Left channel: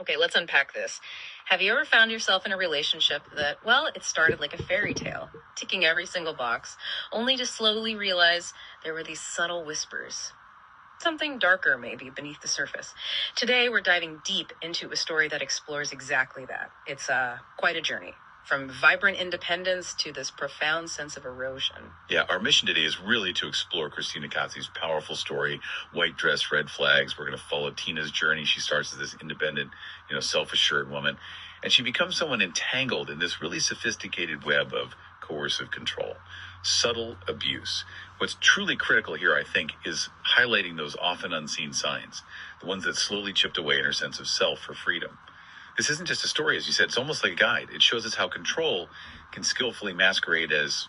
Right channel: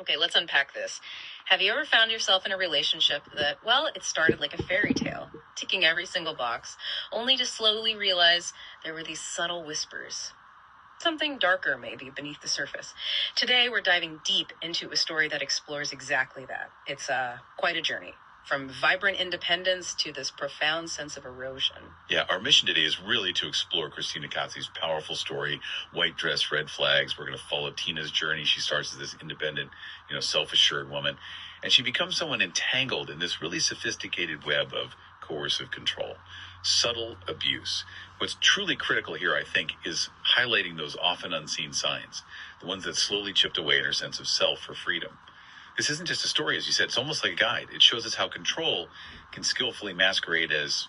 Okay, let's unpack this. Have you ever found yourself in a relationship that, well, it started like a fairy tale, ticking every single box, only to slowly realize there were these subtle whispers? Something darker, maybe, beneath the surface. Today, we're diving deep into a story that explores exactly that. It's quite a journey, from vibrant independence to this profound sense of erosion. Yeah, our mission today is really to explore Christina Katsi's powerful story, White Dress, Red Flags. We're going to follow Tina's journey. She starts as this independent, self-assured woman, and she becomes someone entangled in this really sophisticated web of coercive control, subtle abuse. What's truly critical here, I think, is highlighting those often unseen signs, the ones that slowly chipped away at her sense of self for freedom. This isn't just a story, as you said. It's almost like a guide. It shows us how control can skillfully masquerade as,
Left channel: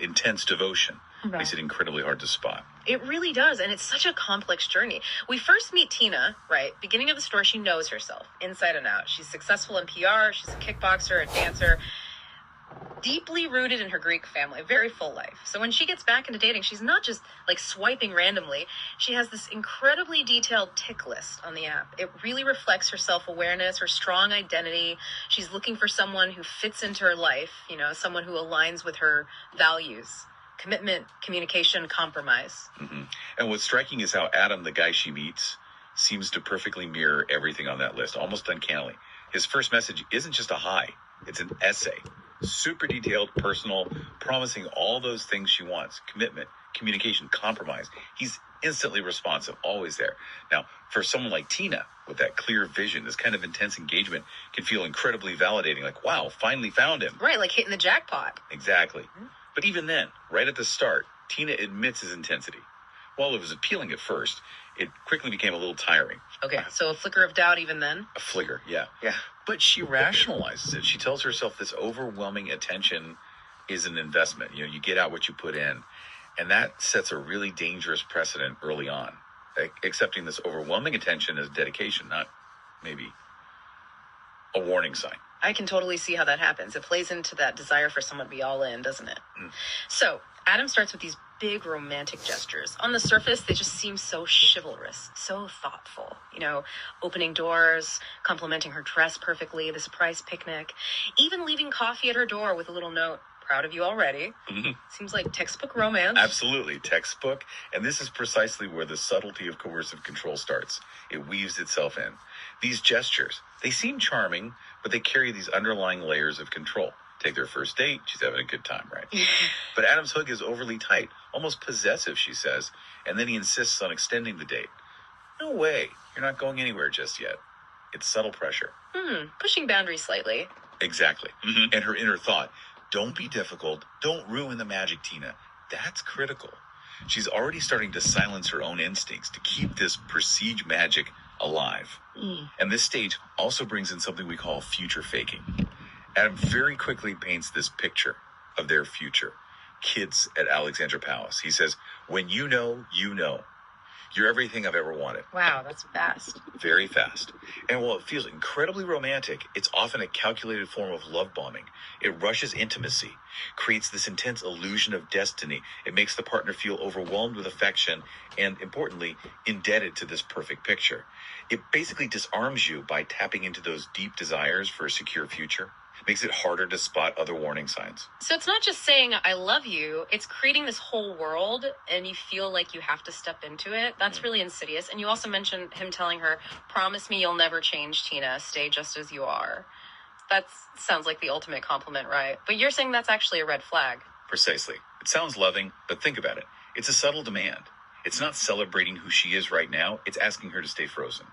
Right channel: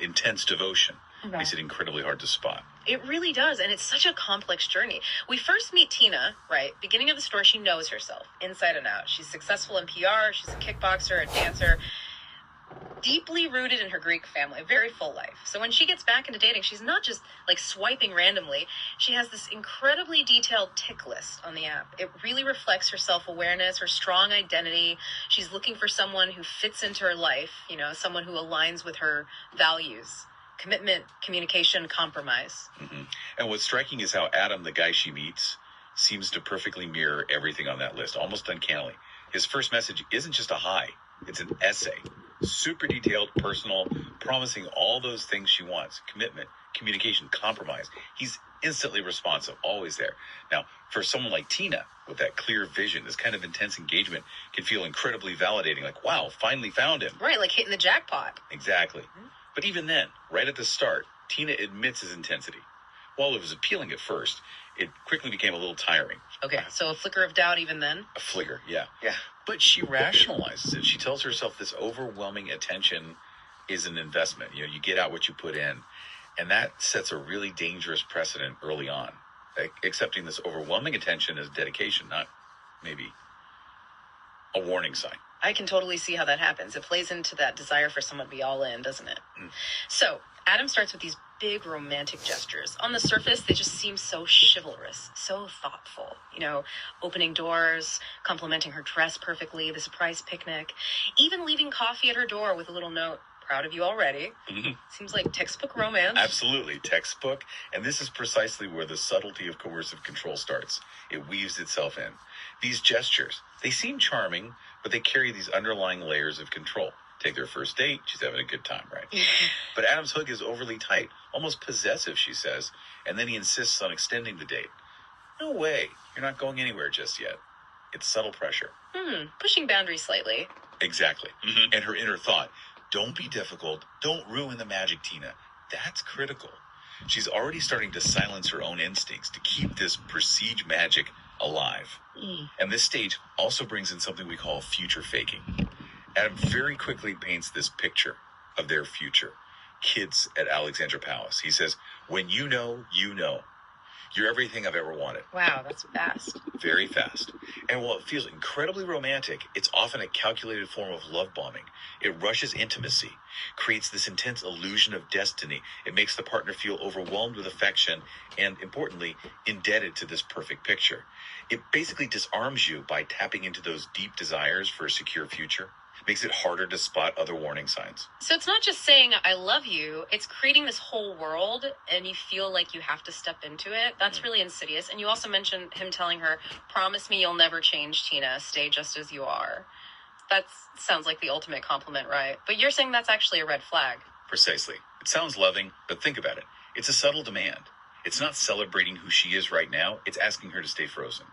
intense devotion. Right. Makes it incredibly hard to spot. It really does, and it's such a complex journey. We first meet Tina, right? Beginning of the story, she knows herself, inside and out. She's successful in PR, she's a kickboxer, a dancer, deeply rooted in her Greek family, a very full life. So when she gets back into dating, she's not just like swiping randomly. She has this incredibly detailed tick list on the app. It really reflects her self-awareness, her strong identity. She's looking for someone who fits into her life, someone who aligns with her values. Commitment, communication, compromise. Mm-hmm. And what's striking is how Adam, the guy she meets, seems to perfectly mirror everything on that list, almost uncannily. His first message isn't just a hi, it's an essay. Super detailed, personal, promising all those things she wants. Commitment, communication, compromise. He's instantly responsive, always there. Now, for someone like Tina, with that clear vision, this kind of intense engagement can feel incredibly validating. Like, wow, finally found him. Right, like hitting the jackpot. Exactly. Mm-hmm. But even then, right at the start, Tina admits his intensity. While it was appealing at first, it quickly became a little tiring. Okay, so a flicker of doubt even then? A flicker, yeah. Yeah. But she rationalizes it. She tells herself this overwhelming attention is an investment. You get out what you put in. And that sets a really dangerous precedent early on. Accepting this overwhelming attention as dedication, not maybe a warning sign. I can totally see how that happens. It plays into that desire for someone to be all in, doesn't it? So Adam starts with these big romantic gestures. On the surface, they just seem so chivalrous, so thoughtful. Opening doors, complimenting her dress perfectly, the surprise picnic, even leaving coffee at her door with a little note. Proud of you already. Mm-hmm. Seems like textbook romance. Absolutely, textbook. And this is precisely where the subtlety of coercive control starts. It weaves itself in. These gestures, they seem charming, but they carry these underlying layers of control. Take their first date, she's having a good time, right? But Adam's hook is overly tight, almost possessive, she says, and then he insists on extending the date. No way, you're not going anywhere just yet. It's subtle pressure. Pushing boundaries slightly. Exactly. Mm-hmm. And her inner thought, don't be difficult, don't ruin the magic, Tina. That's critical. She's already starting to silence her own instincts to keep this prestige magic alive. And this stage also brings in something we call future faking. Adam very quickly paints this picture of their future. Kids at Alexandra Palace. He says, when you know, you know. You're everything I've ever wanted. Wow, that's fast. Very fast. And while it feels incredibly romantic, it's often a calculated form of love bombing. It rushes intimacy, creates this intense illusion of destiny. It makes the partner feel overwhelmed with affection and, importantly, indebted to this perfect picture. It basically disarms you by tapping into those deep desires for a secure future. Makes it harder to spot other warning signs. So it's not just saying, I love you. It's creating this whole world, and you feel like you have to step into it. That's really insidious. And you also mentioned him telling her, promise me you'll never change, Tina. Stay just as you are. That sounds like the ultimate compliment, right? But you're saying that's actually a red flag. Precisely. It sounds loving, but think about it. It's a subtle demand. It's not celebrating who she is right now. It's asking her to stay frozen.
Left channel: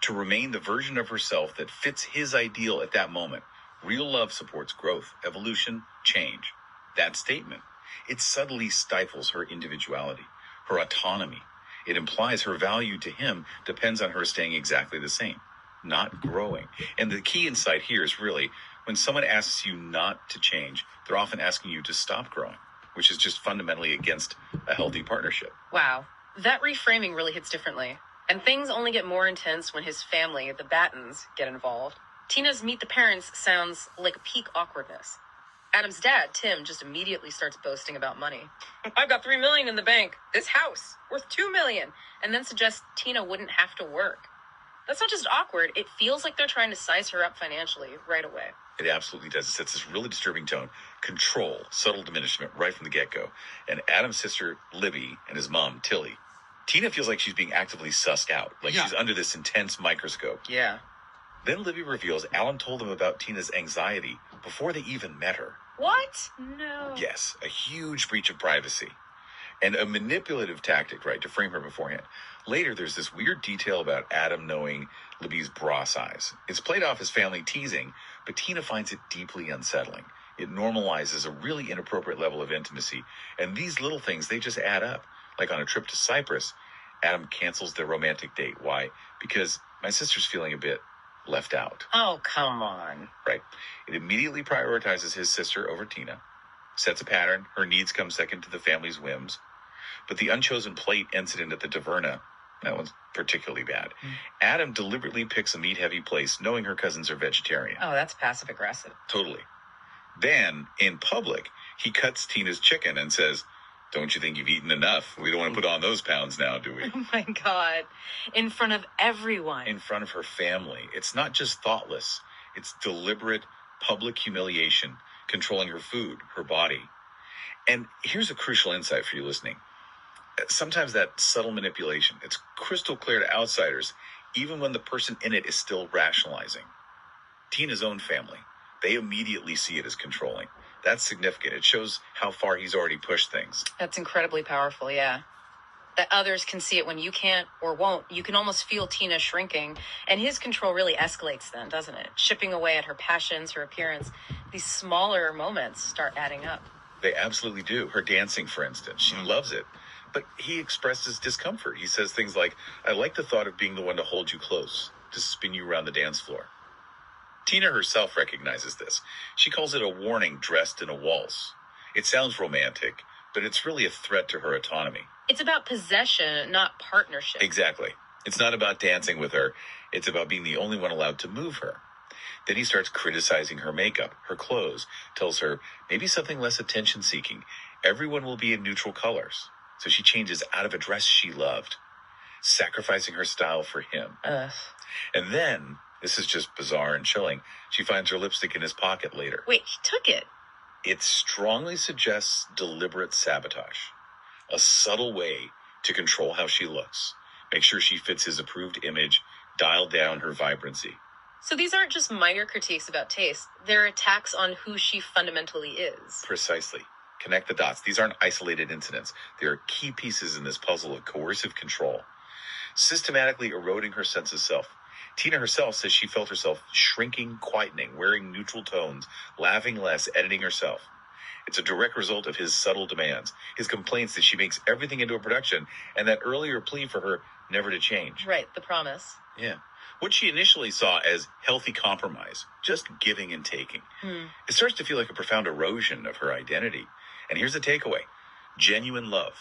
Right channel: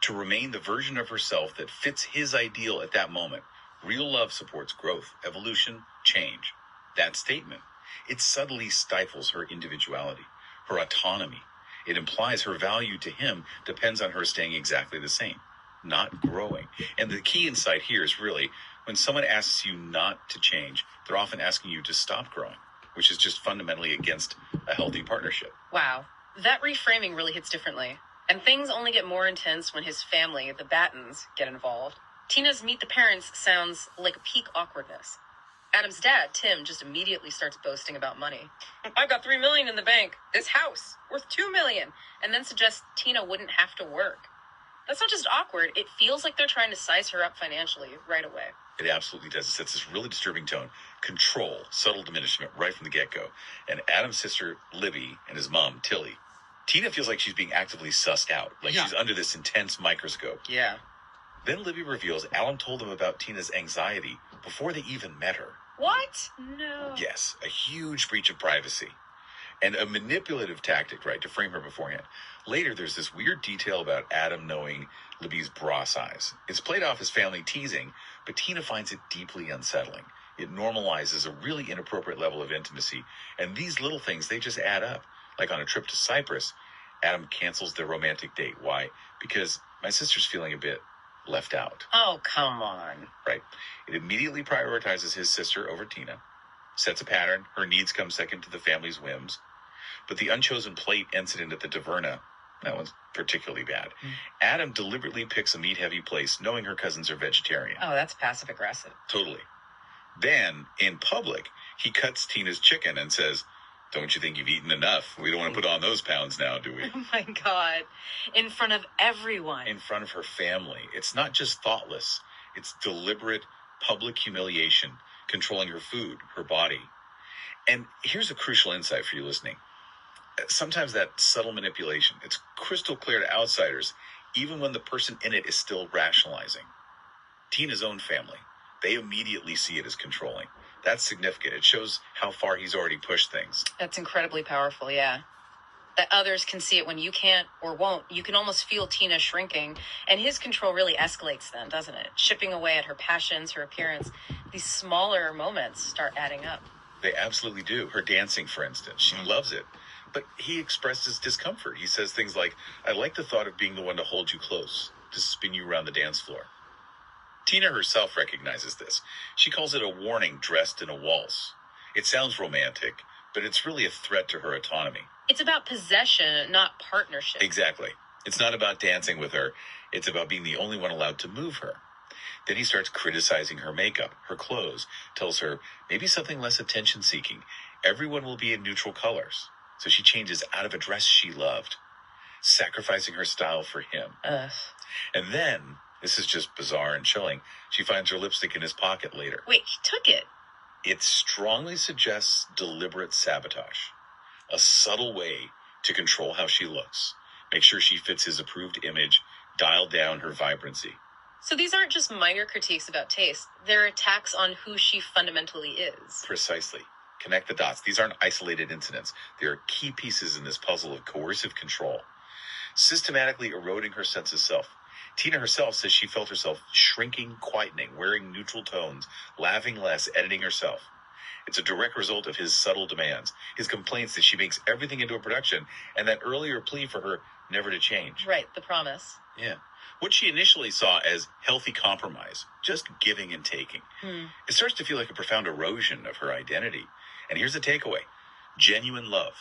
To remain the version of herself that fits his ideal at that moment. Real love supports growth, evolution, change. That statement, it subtly stifles her individuality, her autonomy. It implies her value to him depends on her staying exactly the same, not growing. And the key insight here is really, when someone asks you not to change, they're often asking you to stop growing, which is just fundamentally against a healthy partnership. Wow. That reframing really hits differently. And things only get more intense when his family, the Battens, get involved. Tina's meet the parents sounds like peak awkwardness. Adam's dad, Tim, just immediately starts boasting about money. I've got $3 million in the bank. This house worth $2 million, and then suggests Tina wouldn't have to work. That's not just awkward. It feels like they're trying to size her up financially right away. It absolutely does. It sets this really disturbing tone. Control, subtle diminishment right from the get-go. And Adam's sister, Libby, and his mom, Tilly. Tina feels like she's being actively sussed out, like she's under this intense microscope. Yeah. Then Libby reveals Alan told them about Tina's anxiety before they even met her. What? No. Yes, a huge breach of privacy. And a manipulative tactic, right, to frame her beforehand. Later, there's this weird detail about Adam knowing Libby's bra size. It's played off as family teasing, but Tina finds it deeply unsettling. It normalizes a really inappropriate level of intimacy, and these little things, they just add up. Like on a trip to Cyprus, Adam cancels their romantic date. Why? Because my sister's feeling a bit left out. Oh, come on. Right. It immediately prioritizes his sister over Tina, sets a pattern. Her needs come second to the family's whims. But the unchosen plate incident at the taverna, that one's particularly bad. Adam deliberately picks a meat-heavy place, knowing her cousins are vegetarian. Oh, that's passive-aggressive. Totally. Then, in public, he cuts Tina's chicken and says, "Don't you think you've eaten enough? We don't want to put on those pounds now, do we?" Oh, my God. In front of everyone. In front of her family. It's not just thoughtless. It's deliberate public humiliation, controlling her food, her body. And here's a crucial insight for you listening. Sometimes that subtle manipulation, it's crystal clear to outsiders, even when the person in it is still rationalizing. Tina's own family, they immediately see it as controlling. That's significant. It shows how far he's already pushed things. That's incredibly powerful, yeah. That others can see it when you can't or won't. You can almost feel Tina shrinking, and his control really escalates then, doesn't it? Chipping away at her passions, her appearance. These smaller moments start adding up. They absolutely do. Her dancing, for instance, she loves it. But he expresses discomfort. He says things like, "I like the thought of being the one to hold you close, to spin you around the dance floor." Tina herself recognizes this. She calls it a warning dressed in a waltz. It sounds romantic, but it's really a threat to her autonomy. It's about possession, not partnership. Exactly. It's not about dancing with her. It's about being the only one allowed to move her. Then he starts criticizing her makeup, her clothes, tells her maybe something less attention-seeking. Everyone will be in neutral colors. So she changes out of a dress she loved, sacrificing her style for him. And then, this is just bizarre and chilling, she finds her lipstick in his pocket later. Wait, he took it? It strongly suggests deliberate sabotage, a subtle way to control how she looks, make sure she fits his approved image, dial down her vibrancy. So these aren't just minor critiques about taste. They're attacks on who she fundamentally is. Precisely. Connect the dots. These aren't isolated incidents. They are key pieces in this puzzle of coercive control, systematically eroding her sense of self. Tina herself says she felt herself shrinking, quietening, wearing neutral tones, laughing less, editing herself. It's a direct result of his subtle demands, his complaints that she makes everything into a production, and that earlier plea for her never to change. Right, the promise. Yeah. What she initially saw as healthy compromise, just giving and taking, it starts to feel like a profound erosion of her identity. And here's the takeaway. Genuine love.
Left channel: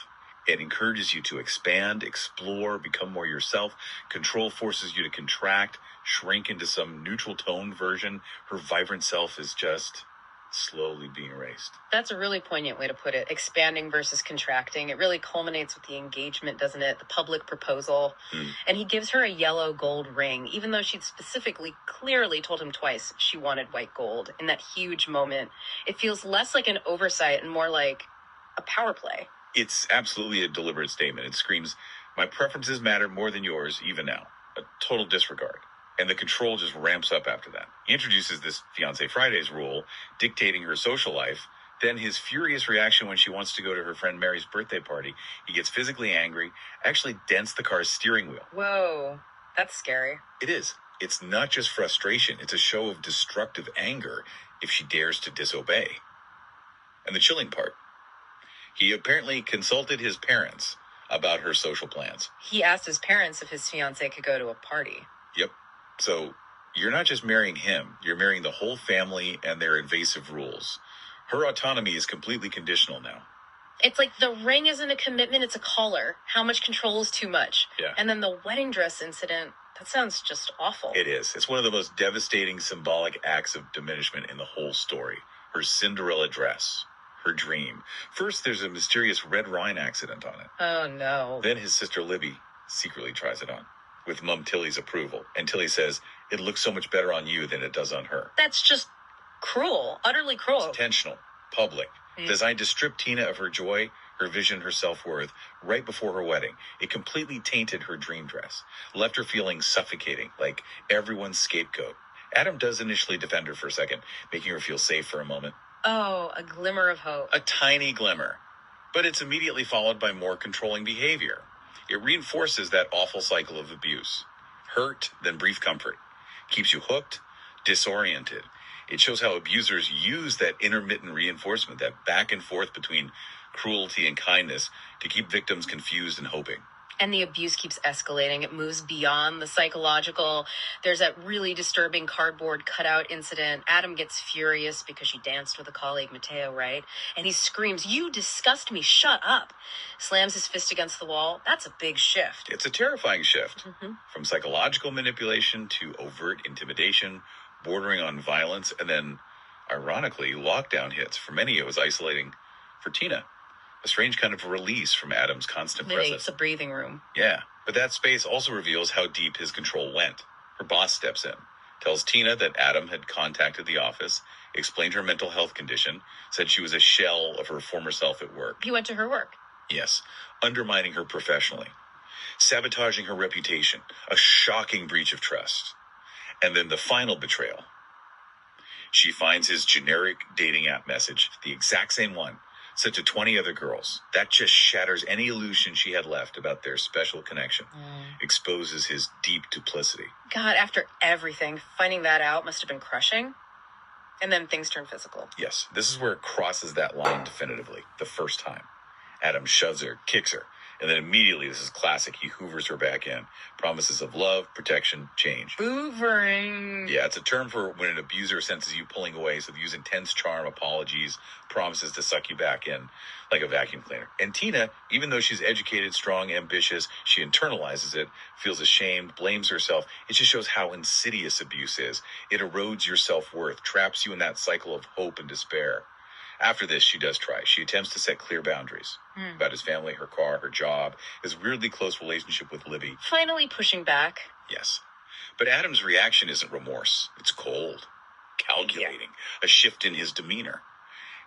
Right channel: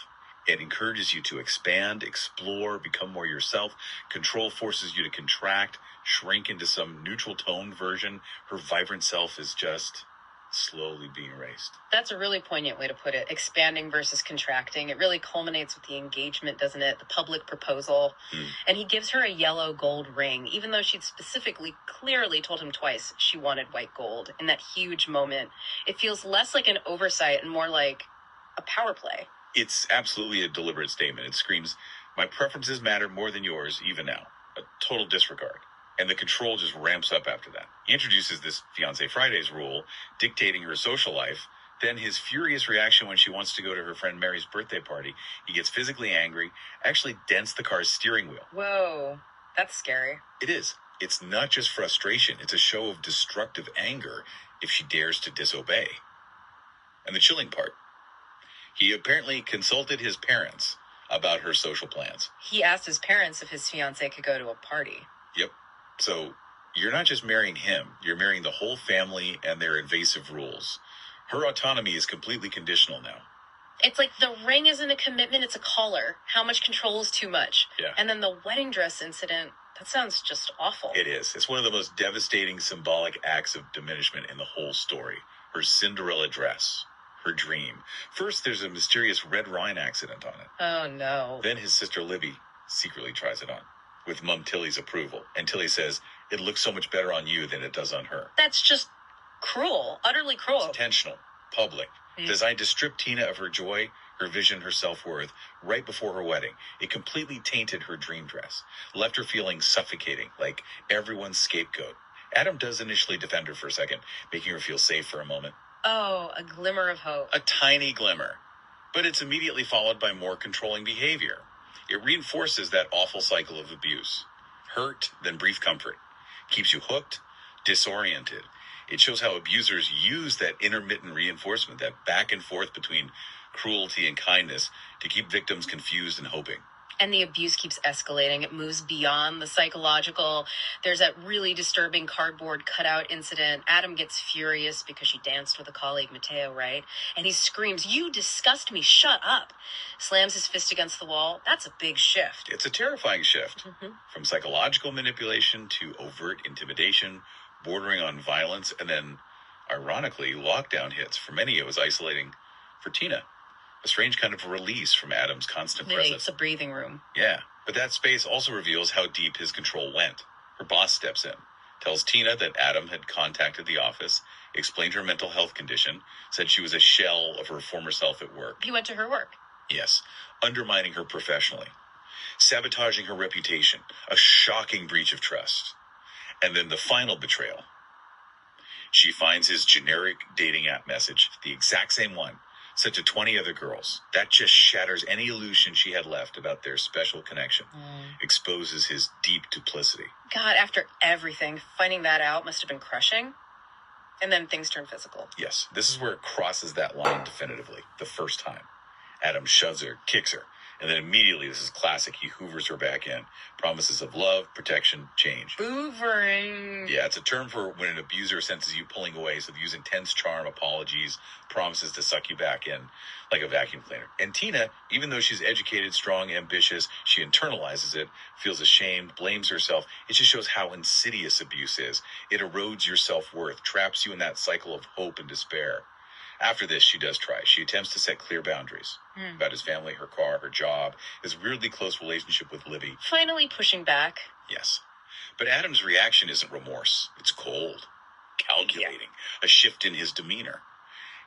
It encourages you to expand, explore, become more yourself. Control forces you to contract, shrink into some neutral tone version. Her vibrant self is just slowly being erased. That's a really poignant way to put it. Expanding versus contracting. It really culminates with the engagement, doesn't it? The public proposal. And he gives her a yellow gold ring, even though she'd specifically, clearly told him twice she wanted white gold. In that huge moment, it feels less like an oversight and more like a power play. It's absolutely a deliberate statement. It screams, "My preferences matter more than yours, even now." A total disregard. And the control just ramps up after that. He introduces this Fiancé Fridays rule, dictating her social life. Then his furious reaction when she wants to go to her friend Mary's birthday party. He gets physically angry, actually dents the car's steering wheel. Whoa, that's scary. It is. It's not just frustration. It's a show of destructive anger if she dares to disobey. And the chilling part, he apparently consulted his parents about her social plans. He asked his parents if his fiancée could go to a party. Yep. So you're not just marrying him, you're marrying the whole family and their invasive rules. Her autonomy is completely conditional now. It's like the ring isn't a commitment, it's a collar. How much control is too much? Yeah. And then the wedding dress incident, that sounds just awful. It is. It's one of the most devastating symbolic acts of diminishment in the whole story. Her Cinderella dress, her dream. First, there's a mysterious red wine accident on it. Oh, no. Then his sister Libby secretly tries it on. with Mum Tilly's approval. And Tilly says, "It looks so much better on you than it does on her." That's just cruel, utterly cruel. It's intentional, public, designed to strip Tina of her joy, her vision, her self-worth right before her wedding. It completely tainted her dream dress, left her feeling suffocating, like everyone's scapegoat. Adam does initially defend her for a second, making her feel safe for a moment. Oh, a glimmer of hope. A tiny glimmer. But it's immediately followed by more controlling behavior. It reinforces that awful cycle of abuse. Hurt, then brief comfort. Keeps you hooked, disoriented. It shows how abusers use that intermittent reinforcement, that back and forth between cruelty and kindness, to keep victims confused and hoping. And the abuse keeps escalating. It moves beyond the psychological. There's that really disturbing cardboard cutout incident. Adam gets furious because she danced with a colleague, Mateo, right? And he screams, "You disgust me, shut up." Slams his fist against the wall. That's a big shift. It's a terrifying shift. From psychological manipulation to overt intimidation, bordering on violence, and then, ironically, lockdown hits. For many, it was isolating. For Tina, a strange kind of release from Adam's constant presence. It's a breathing room. Yeah, but that space also reveals how deep his control went. Her boss steps in, tells Tina that Adam had contacted the office, explained her mental health condition, said she was a shell of her former self at work. He went to her work. Yes, undermining her professionally, sabotaging her reputation, a shocking breach of trust. And then the final betrayal. She finds his generic dating app message, the exact same one, sent to 20 other girls. That just shatters any illusion she had left about their special connection. Exposes his deep duplicity. God, after everything, finding that out must have been crushing. And then things turn physical. Yes, this is where it crosses that line definitively, the first time. Adam shoves her, kicks her, and then immediately, this is classic, he hoovers her back in. Promises of love, protection, change. Hoovering. Yeah, it's a term for when an abuser senses you pulling away, so they use intense charm, apologies, promises to suck you back in, like a vacuum cleaner. And Tina, even though she's educated, strong, ambitious, she internalizes it, feels ashamed, blames herself. It just shows how insidious abuse is. It erodes your self-worth, traps you in that cycle of hope and despair. After this, she does try. She attempts to set clear boundaries about his family, her car, her job, his weirdly close relationship with Libby. Finally pushing back. Yes. But Adam's reaction isn't remorse. It's cold, calculating, a shift in his demeanor.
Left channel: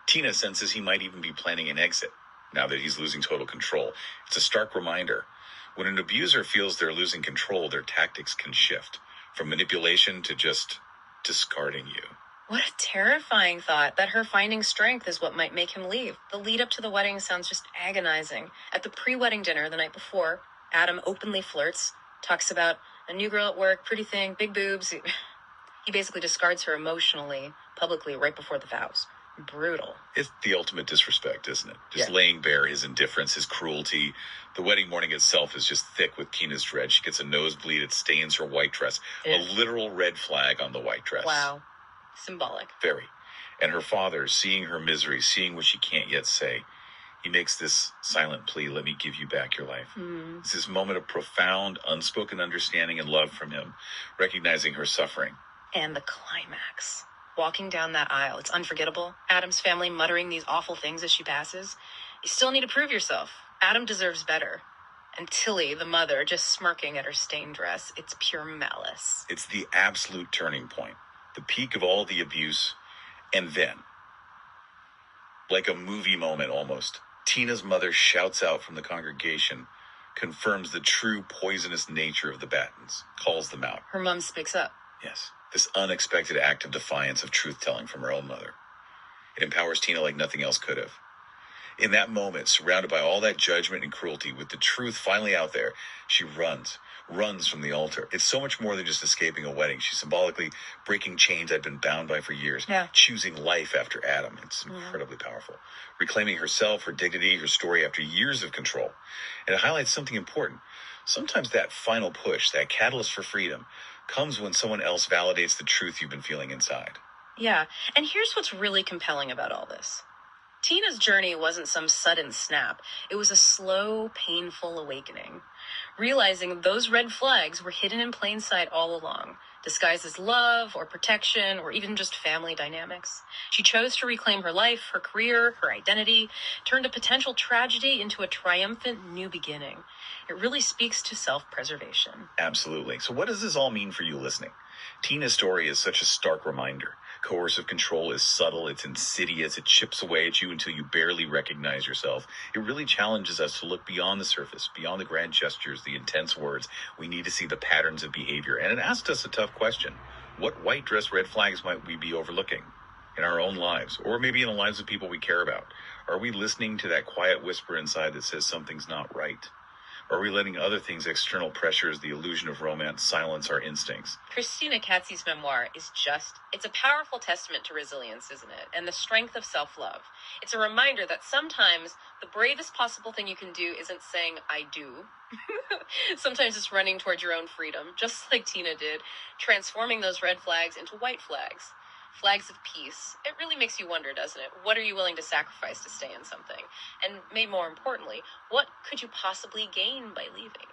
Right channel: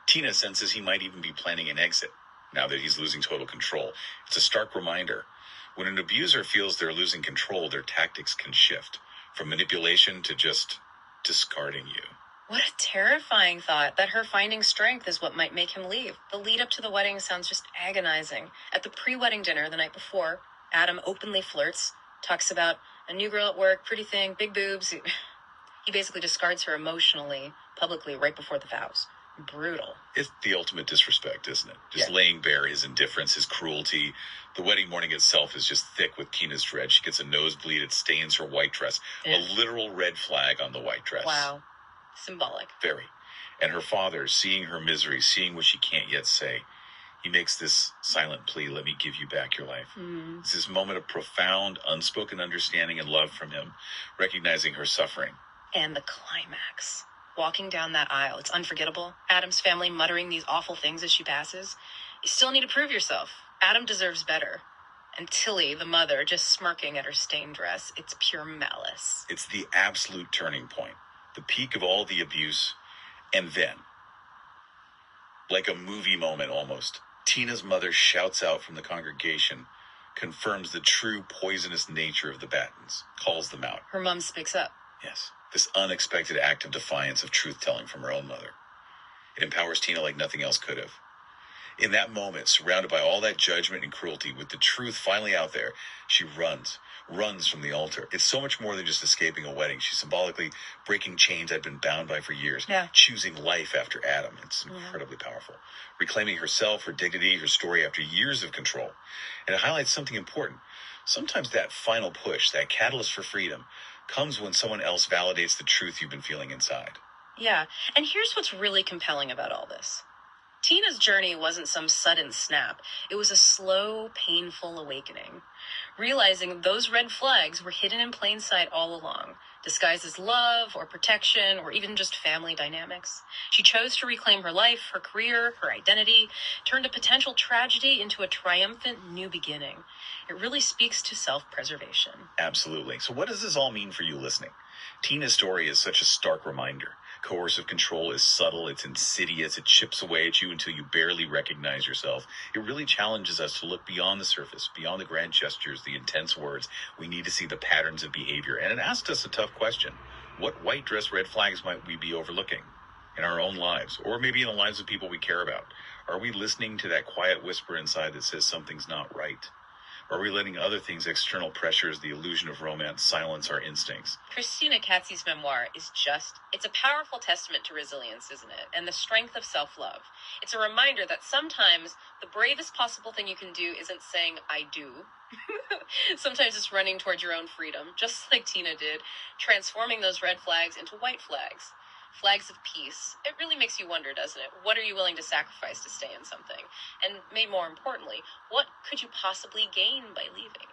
Tina senses he might even be planning an exit, now that he's losing total control. It's a stark reminder. When an abuser feels they're losing control, their tactics can shift, from manipulation to just discarding you. What a terrifying thought, that her finding strength is what might make him leave. The lead up to the wedding sounds just agonizing. At the pre-wedding dinner the night before, Adam openly flirts, talks about a new girl at work, pretty thing, big boobs. He basically discards her emotionally, publicly, right before the vows. Brutal. It's the ultimate disrespect, isn't it? Just laying bare his indifference, his cruelty. The wedding morning itself is just thick with Tina's dread. She gets a nosebleed. It stains her white dress. A literal red flag on the white dress. Wow. Symbolic. Very. And her father, seeing her misery, seeing what she can't yet say, he makes this silent plea, "Let me give you back your life." It's this moment of profound, unspoken understanding and love from him, recognizing her suffering. And the climax. Walking down that aisle, it's unforgettable. Adam's family muttering these awful things as she passes. You still need to prove yourself. Adam deserves better. And Tilly, the mother, just smirking at her stained dress. It's pure malice. It's the absolute turning point. The peak of all the abuse, and then, like a movie moment almost, Tina's mother shouts out from the congregation, confirms the true poisonous nature of the Battens, calls them out. Her mom speaks up. Yes, this unexpected act of defiance of truth-telling from her own mother. It empowers Tina like nothing else could have. In that moment, surrounded by all that judgment and cruelty, with the truth finally out there, she runs from the altar. It's so much more than just escaping a wedding. She's symbolically breaking chains I've been bound by for years, choosing life after Adam. It's incredibly powerful. Reclaiming herself, her dignity, her story after years of control. And it highlights something important. Sometimes that final push, that catalyst for freedom, comes when someone else validates the truth you've been feeling inside. Yeah, and here's what's really compelling about all this. Tina's journey wasn't some sudden snap. It was a slow, painful awakening. Realizing those red flags were hidden in plain sight all along. disguised as love or protection or even just family dynamics. She chose to reclaim her life, her career, her identity, turned a potential tragedy into a triumphant new beginning. It really speaks to self-preservation. Absolutely. So what does this all mean for you listening? Tina's story is such a stark reminder. Coercive control is subtle, it's insidious, it chips away at you until you barely recognize yourself. It really challenges us to look beyond the surface, beyond the grand gestures, the intense words. We need to see the patterns of behavior. And it asks us a tough question. What white dress red flags might we be overlooking in our own lives, or maybe in the lives of people we care about? Are we listening to that quiet whisper inside that says something's not right? Or are we letting other things, external pressures, the illusion of romance, silence our instincts? Christina Katsi's memoir it's a powerful testament to resilience, isn't it? And the strength of self-love. It's a reminder that sometimes the bravest possible thing you can do isn't saying, I do. Sometimes it's running towards your own freedom, just like Tina did, transforming those red flags into white flags. Flags of peace. It really makes you wonder, doesn't it? What are you willing to sacrifice to stay in something? And maybe more importantly, what could you possibly gain by leaving?